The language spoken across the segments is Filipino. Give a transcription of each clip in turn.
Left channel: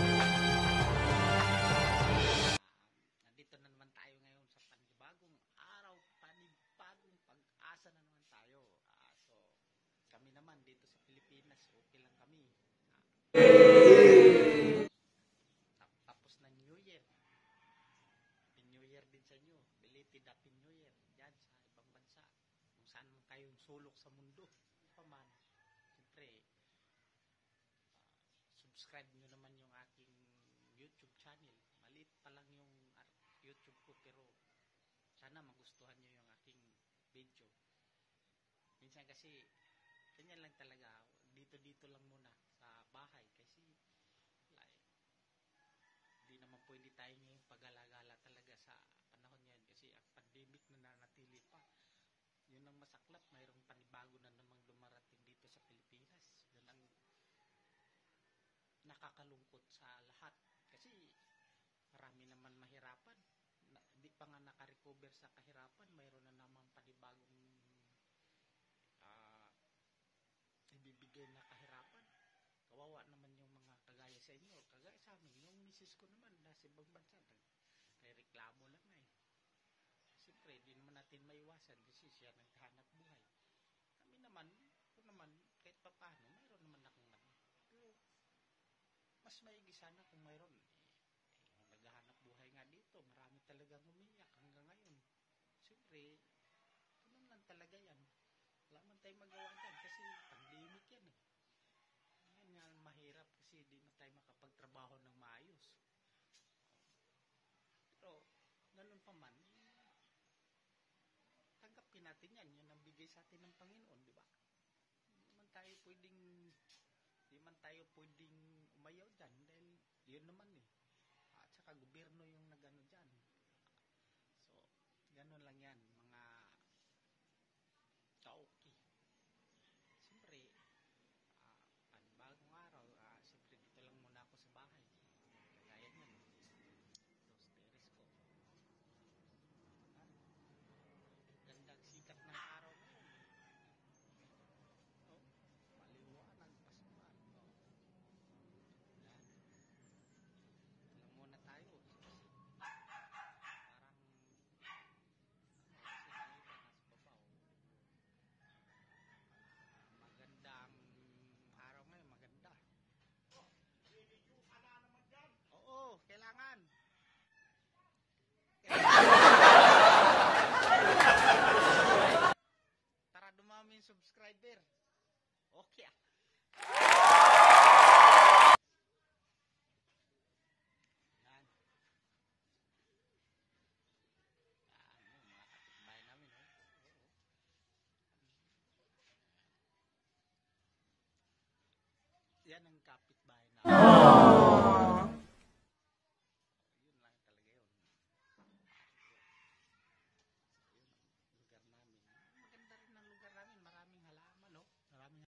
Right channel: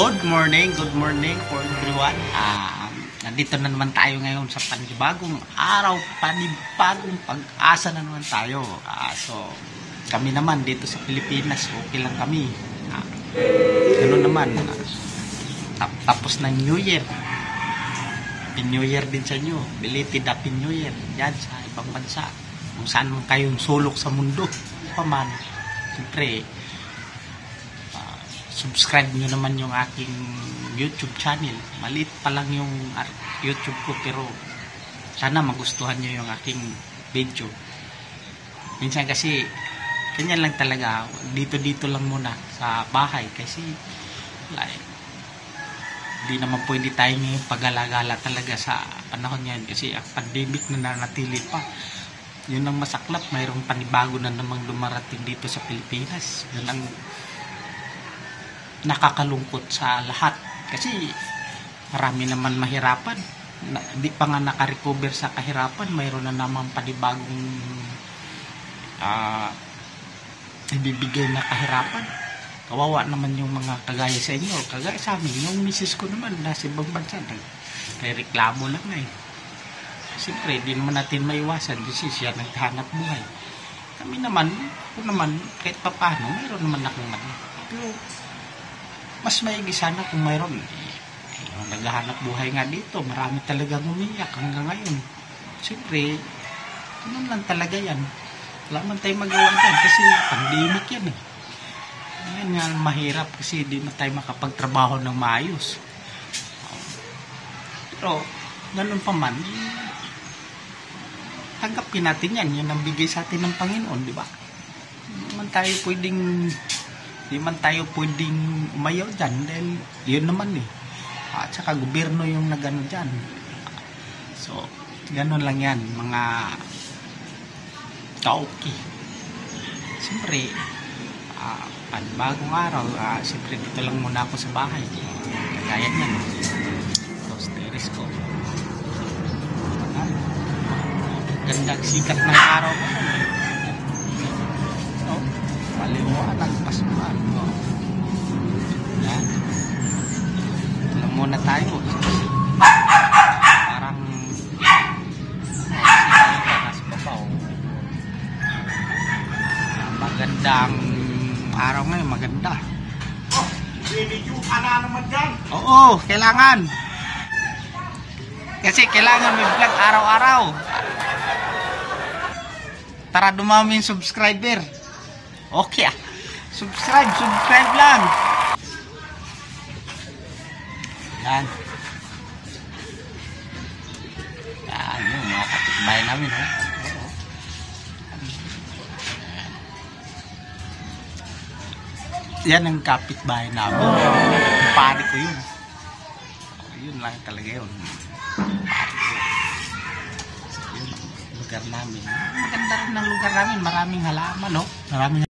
Good morning for everyone. Nandito na naman tayo ngayon sa panibagong araw, panibagong pag-asa na naman tayo. So, kami naman dito sa Pilipinas, okay lang kami. Ano naman, tapos ng New Year. Happy New Year din sa inyo. Belated Happy New Year. Yan sa ibang bansa. Kung saan man kayong sulok sa mundo. Paman, siyempre, subscribe nyo naman yung aking YouTube channel. Maliit pa lang yung YouTube ko, pero sana magustuhan nyo yung aking video. Minsan kasi ganyan lang talaga, dito lang muna sa bahay kasi like, di naman pwede tayo ngayon pag-alagala talaga sa panahon ngayon kasi ang pandemic na nanatili pa. Yun ang masaklap, mayroong panibago na namang dumarating dito sa Pilipinas. Yun ang nakakalungkot sa lahat kasi marami naman mahirapan, di pa nga nakarecover sa kahirapan, mayroon na naman panibagong ibibigay na kahirapan. Kawawa naman yung mga kagaya sa inyo, kagaya sa amin. Yung misis ko naman nasa ibang bansa, nagreklamo lang na siyempre di naman natin maiwasan kasi siya naghahanap buhay. Kami naman, ako naman kahit pa paano mayroon naman akong pero mas maigi sana kung mayroon. Yung naghahanap buhay nga dito, marami talagang umiyak hanggang ngayon. Siyempre, ganun lang talaga yan. Wala man tayo magawa dyan kasi pandemic yan eh. Yan nga mahirap kasi di na tayo makapagtrabaho ng maayos. Pero, ganun pa man, tanggapin natin yan. Yan ang bigay sa atin ng Panginoon, di ba? Di man tayo pwedeng umayaw dyan dahil yun naman eh. At saka gobyerno yung nagano dyan. So, ganun lang yan mga kaoki. Siyempre, panibagong araw, siyempre dito lang muna ako sa bahay. Kagaya yan. Tapos teres ko. Gandang sikat ng araw mo. Maliwanag, pasukan. Yan. Ito lang muna tayo. Parang nasa babaw. Magandang araw ngayon, maganda. Video ka na naman dyan. Oo, kailangan. Kasi kailangan yung vlog araw-araw. Tara dumami yung subscriber. Okay subscribe lang. Yan yung mga kapitbahay namin yan ang kapitbahay namin. Pare ko yun. Yun lang talaga yun. Pare ko yun ang lugar namin. Maganda rin ang lugar namin, maraming halaman maraming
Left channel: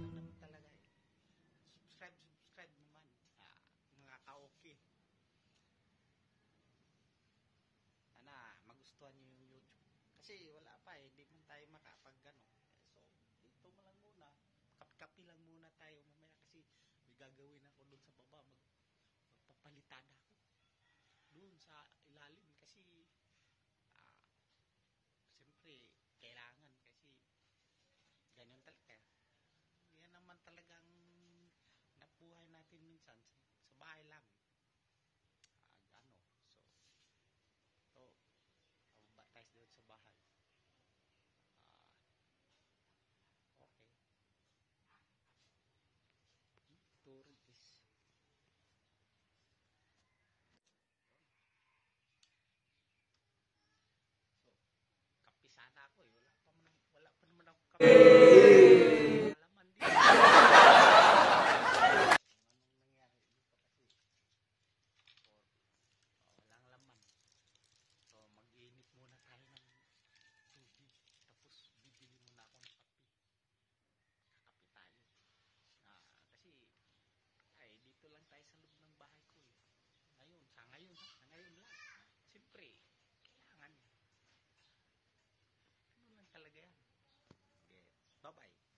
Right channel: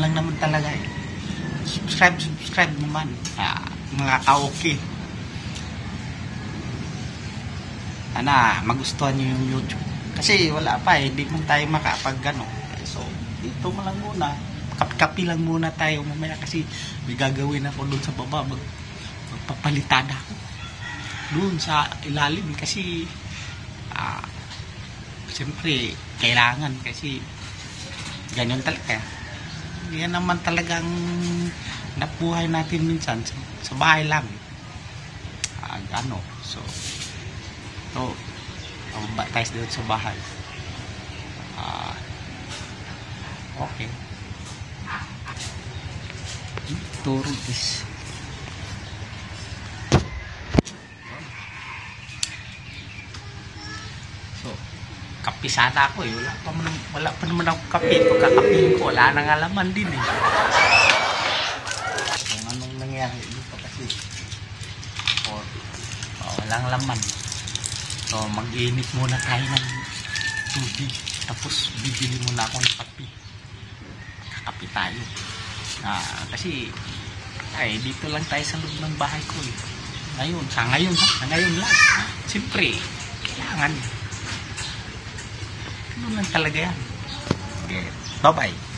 lang naman talaga eh. Subscribe naman mga kaoki. Sana magustuhan nyo yung YouTube. Kasi wala pa hindi man tayo makapag ano. So, dito mo lang muna. Kapi lang muna tayo mamaya kasi may gagawin ako doon sa baba. Magpapalitada ako. Doon sa ilalim kasi siyempre kailangan kasi ganyan talaga. Yan naman talagang nabuhay natin minsan sa bahay lang. So ba tayo doon sa bahay. Okay. Turo is so kape sana ako wala pa naman ako kape. Pagkakape ko wala nang alaman din kung anong nangyari dito kasi walang laman. So mag-init muna tayo ng tubig tapos bibili muna ako ng kape. Kakape tayo kasi dito lang tayo sa loob ng bahay ko ngayon lang siyempre kailangan ano lang talaga yan. Okay. Bye bye.